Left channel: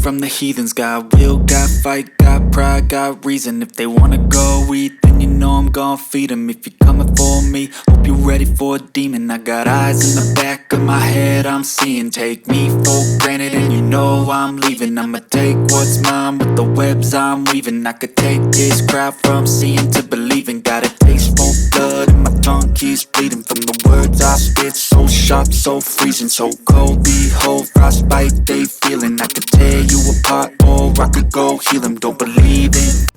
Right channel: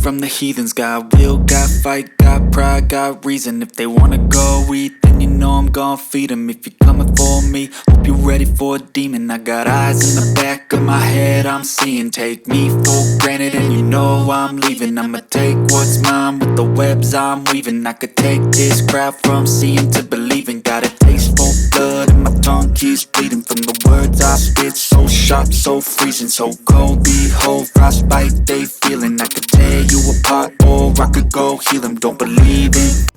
from the heathens. Got will, got fight, got pride, got reason. If they wanna go eat, then you know I'm gon' feed them. If you're coming for me, hope you're ready for a demon. I got eyes in the back of my head, I'm seeing. Take me for granted and you know I'm leaving. I'ma take what's mine with the webs I'm weaving. I could take this crowd from seeing to believing. Got a taste for blood and my tongue keeps bleeding from the words I spit. So sharp, so freezing, so cold. Behold, frostbite they feeling. I could tear you apart or I could go heal them. Don't believe in